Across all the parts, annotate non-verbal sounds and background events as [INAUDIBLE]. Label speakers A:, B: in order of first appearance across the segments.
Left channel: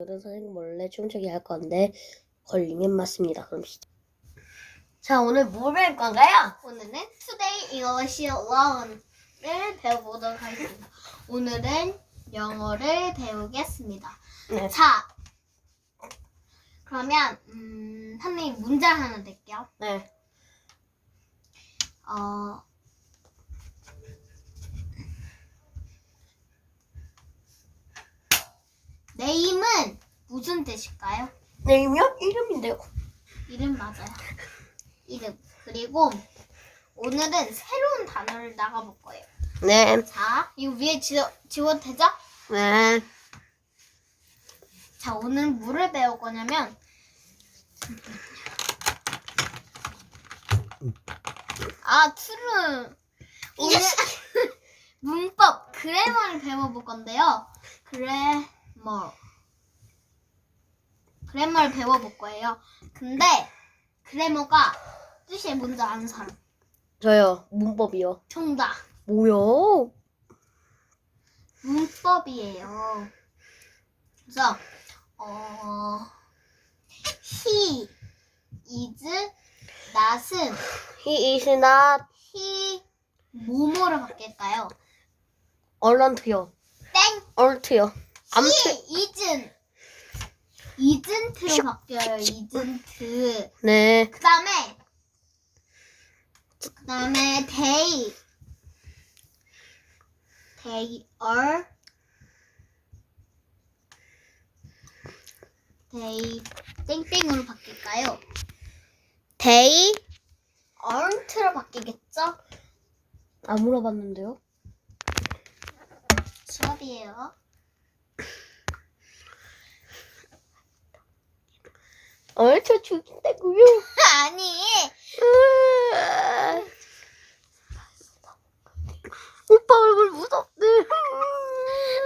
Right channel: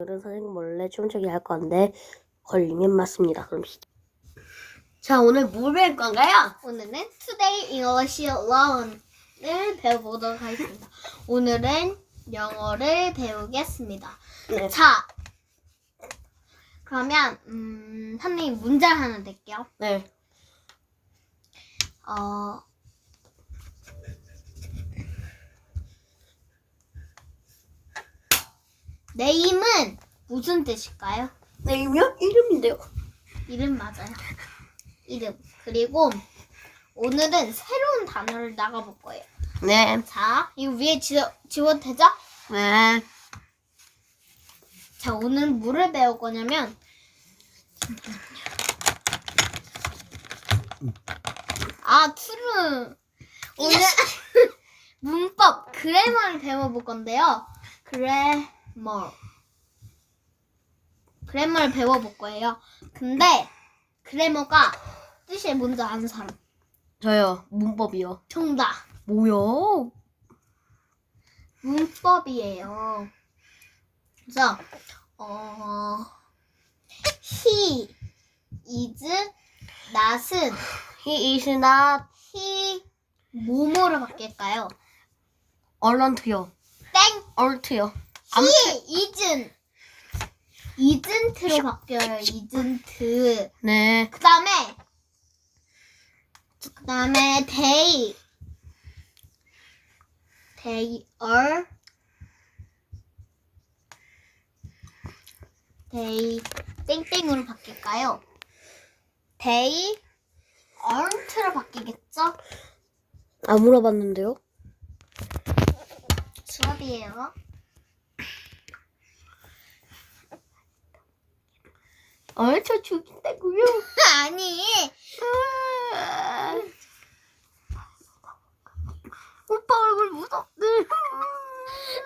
A: 오늘은 선생님 몰래 춤추기 할 건데 걸리면 맞습니다. 그럼 시작. 자 오늘 뭘 배울 건가요?
B: 오늘은 Today English Alone,을 배워보도록 하겠습니다. 오늘은 영어를 배우겠습니다.
A: 네.
B: 자, 그러면 음, 선생님 문제를 하나 낼게요.
A: 네.
B: 어, 네임은 무슨 뜻일까요?
A: 네임이요? 이름인데요.
B: 이름 맞아요. 이름. 그리고 오늘은 새로운 단어를 나가볼 거예요.
A: 네.
B: 자, 이거 위에 지워, 지워도 되죠?
A: 네.
B: 자, 오늘 뭐를 배울 거냐면 아, 투르 오늘 [LAUGHS] 문법 그래머를 배워볼 건데요. 그래 머 그래머를 배워볼 거예요. 근데 그래머가 뜻이 뭔지 아는 사람
A: 저요. 문법이요.
B: 정답
A: 뭐요?
B: 문법이에요. 그래서 어 he is not은
A: He is not
B: he 뭐뭐로 바뀔까요?
A: alon't요.
B: 땡
A: alT요.
B: He isn't isn't로 바뀌어요. isn't
A: 네.
B: 그 다음에 그 다음에 they they are they 땡땡으로 바뀔까요? they aren't로 바뀌겠죠?
A: 안 물어봤는데요.
B: 수업이에요.
A: 얼저 죽인다고요? [LAUGHS]
B: 아니
A: 오빠 얼굴 무섭네.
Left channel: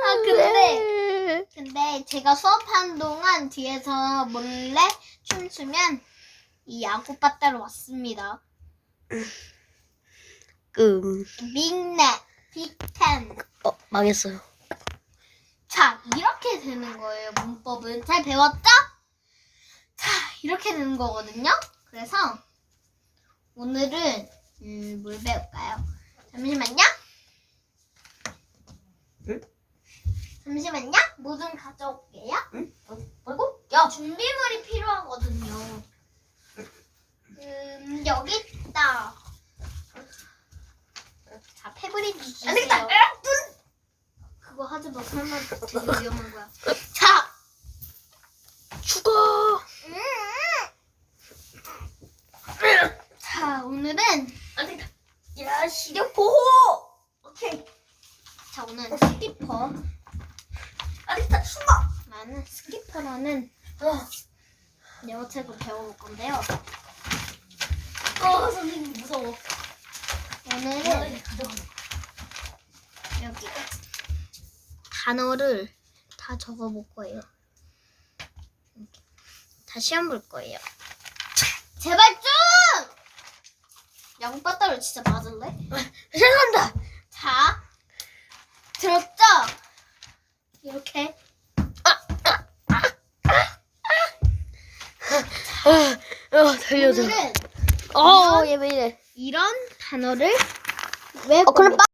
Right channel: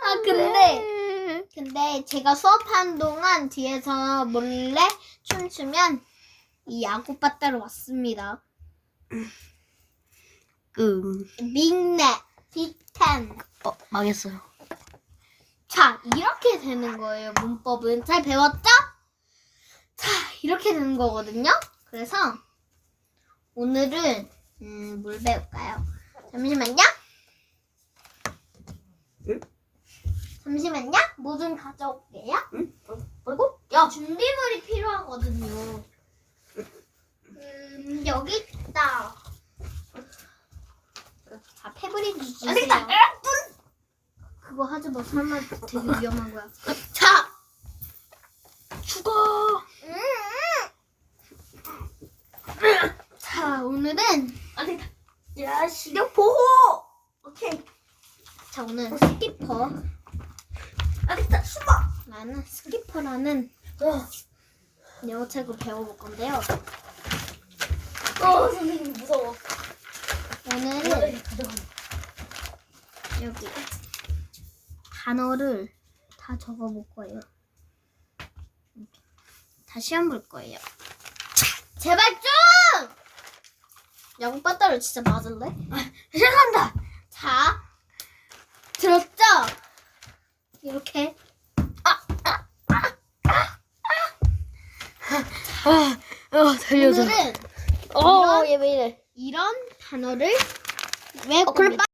B: 아, 근데- 근데 제가 수업하는 동안 뒤에서 몰래 춤추면 이 야구 빠따로 왔습니다.
A: 음.
B: 빅넷, 빅텐.
A: 어 망했어요.
B: 자, 이렇게 되는 거예요, 문법은. 잘 배웠죠? 자, 이렇게 되는 거거든요. 그래서 오늘은 음, 뭘 배울까요? 잠시만요.
A: 응?
B: 잠시만요. 뭐 좀 가져올게요.
A: 그리고
B: 야, 준비물이 필요하거든요. 음, 여기 있다. 자, 패브릭 주세요.
A: 안 되겠다.
B: 그거 하지 마. 설마 되게 위험한 거야. [LAUGHS] 자,
A: 죽어.
B: 자, 오늘은
A: 안 되겠다. 야 시력 보호. 오케이.
B: 자, 오늘 스키퍼.
A: 안 되겠다. 숨어.
B: 나는 스키퍼라는
A: 어,
B: 영어책을 배워볼 건데요.
A: 어 선생님 무서워.
B: 오늘은. 여기 단어를 다 적어볼 거예요. 다 시험 볼 거예요. 제발 좀! 야구 빠따를 진짜 맞을래? [LAUGHS]
A: 죄송합니다.
B: 자, 들었죠? 이렇게
A: 어, 어 달려줘.
B: 오늘은
A: 어, 얘왜 이래?
B: 이런 단어를 외울
A: 어, 그럼
B: 겁니다.